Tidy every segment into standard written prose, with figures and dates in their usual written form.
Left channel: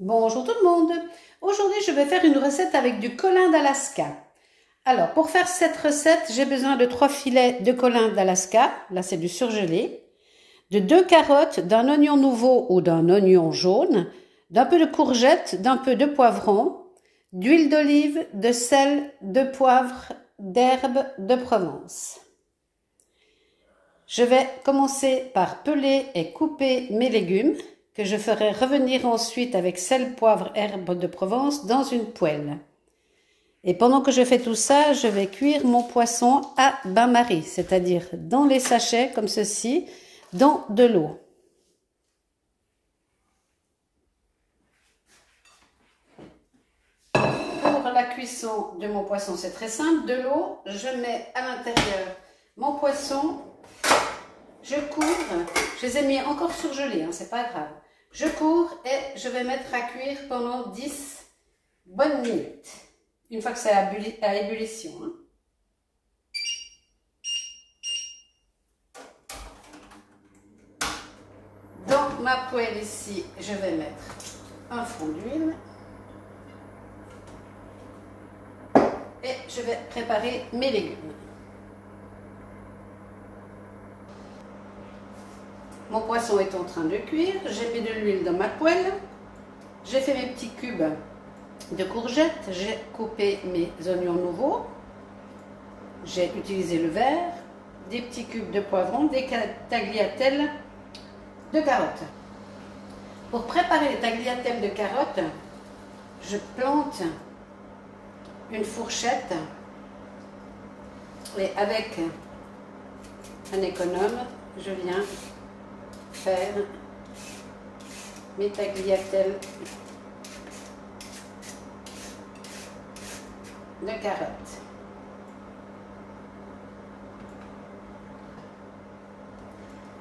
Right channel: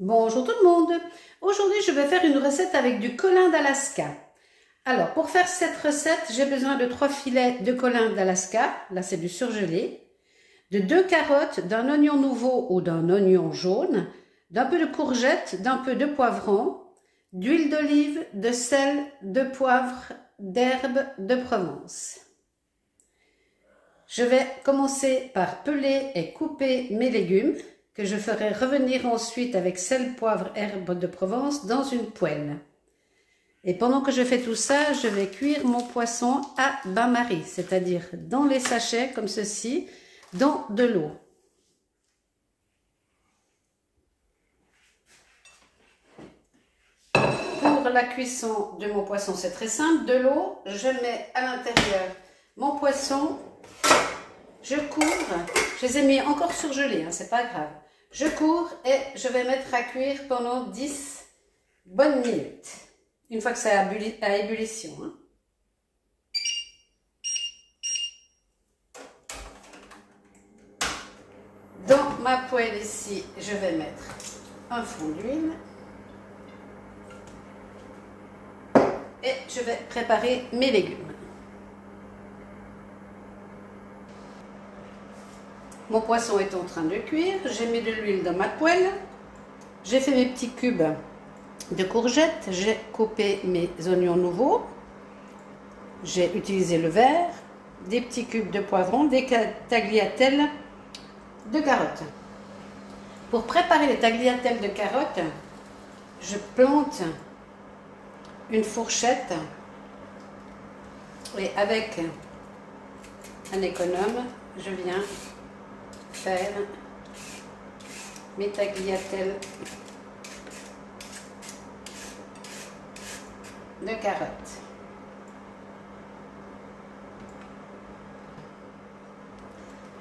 Bonjour tout le monde. Aujourd'hui, je vais faire une recette avec du colin d'Alaska. Alors, pour faire cette recette, j'ai besoin de 3 filets de colin d'Alaska. Là, c'est du surgelé. De 2 carottes, d'un oignon nouveau ou d'un oignon jaune, d'un peu de courgette, d'un peu de poivron, d'huile d'olive, de sel, de poivre, d'herbes de Provence. Je vais commencer par peler et couper mes légumes, que je ferai revenir ensuite avec sel, poivre, herbes de Provence dans une poêle. Et pendant que je fais tout ça, je vais cuire mon poisson à bain-marie, c'est-à-dire dans les sachets comme ceci, dans de l'eau. Pour la cuisson de mon poisson, c'est très simple. De l'eau, je mets à l'intérieur mon poisson, je couvre, je les ai mis encore surgelés, hein, c'est pas grave. Je couvre et je vais mettre à cuire pendant 10 bonnes minutes. Une fois que c'est à ébullition. Hein. Dans ma poêle ici, je vais mettre un fond d'huile. Et je vais préparer mes légumes. Mon poisson est en train de cuire, j'ai mis de l'huile dans ma poêle, j'ai fait mes petits cubes de courgettes, j'ai coupé mes oignons nouveaux, j'ai utilisé le verre, des petits cubes de poivron, des tagliatelles de carottes. Pour préparer les tagliatelles de carottes, je plante une fourchette et avec un économe, je viens faire mes tagliatelles de carottes.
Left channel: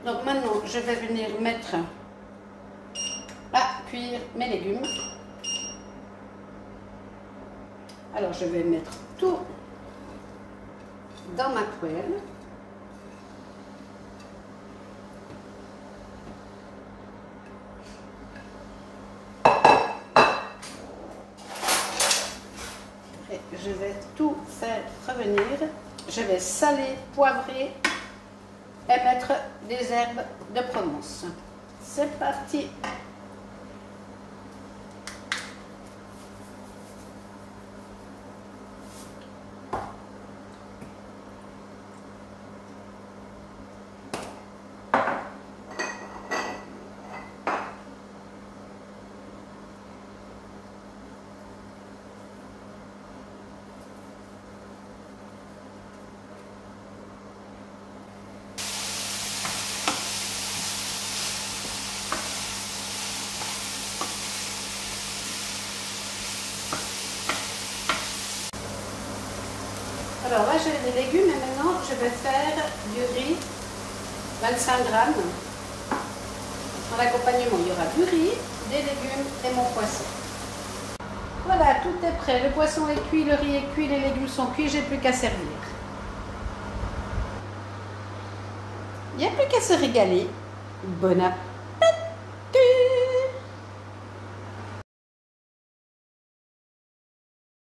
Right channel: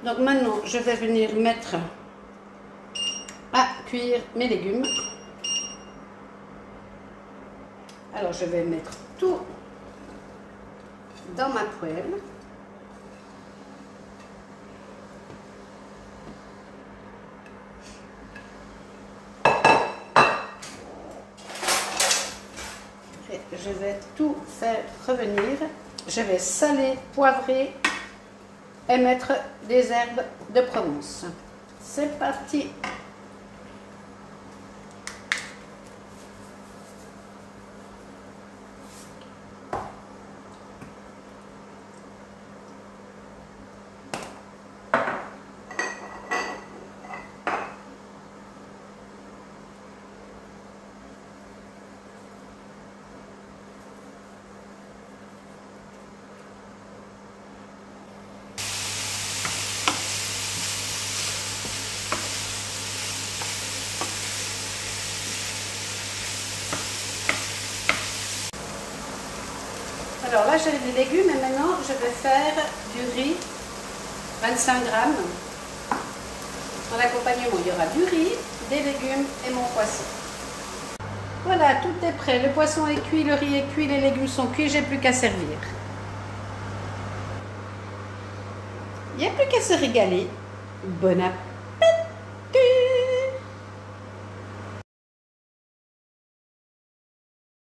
Donc maintenant, je vais venir mettre à cuire mes légumes. Alors, je vais mettre tout dans ma poêle. Et je vais tout faire revenir. Je vais saler, poivrer et mettre des herbes de Provence. C'est parti! Alors là, j'avais des légumes et maintenant, je vais faire du riz, 25 grammes. Pour l'accompagnement, il y aura du riz, des légumes et mon poisson. Voilà, tout est prêt. Le poisson est cuit, le riz est cuit, les légumes sont cuits, j'ai plus qu'à servir. Il n'y a plus qu'à se régaler. Bon appétit!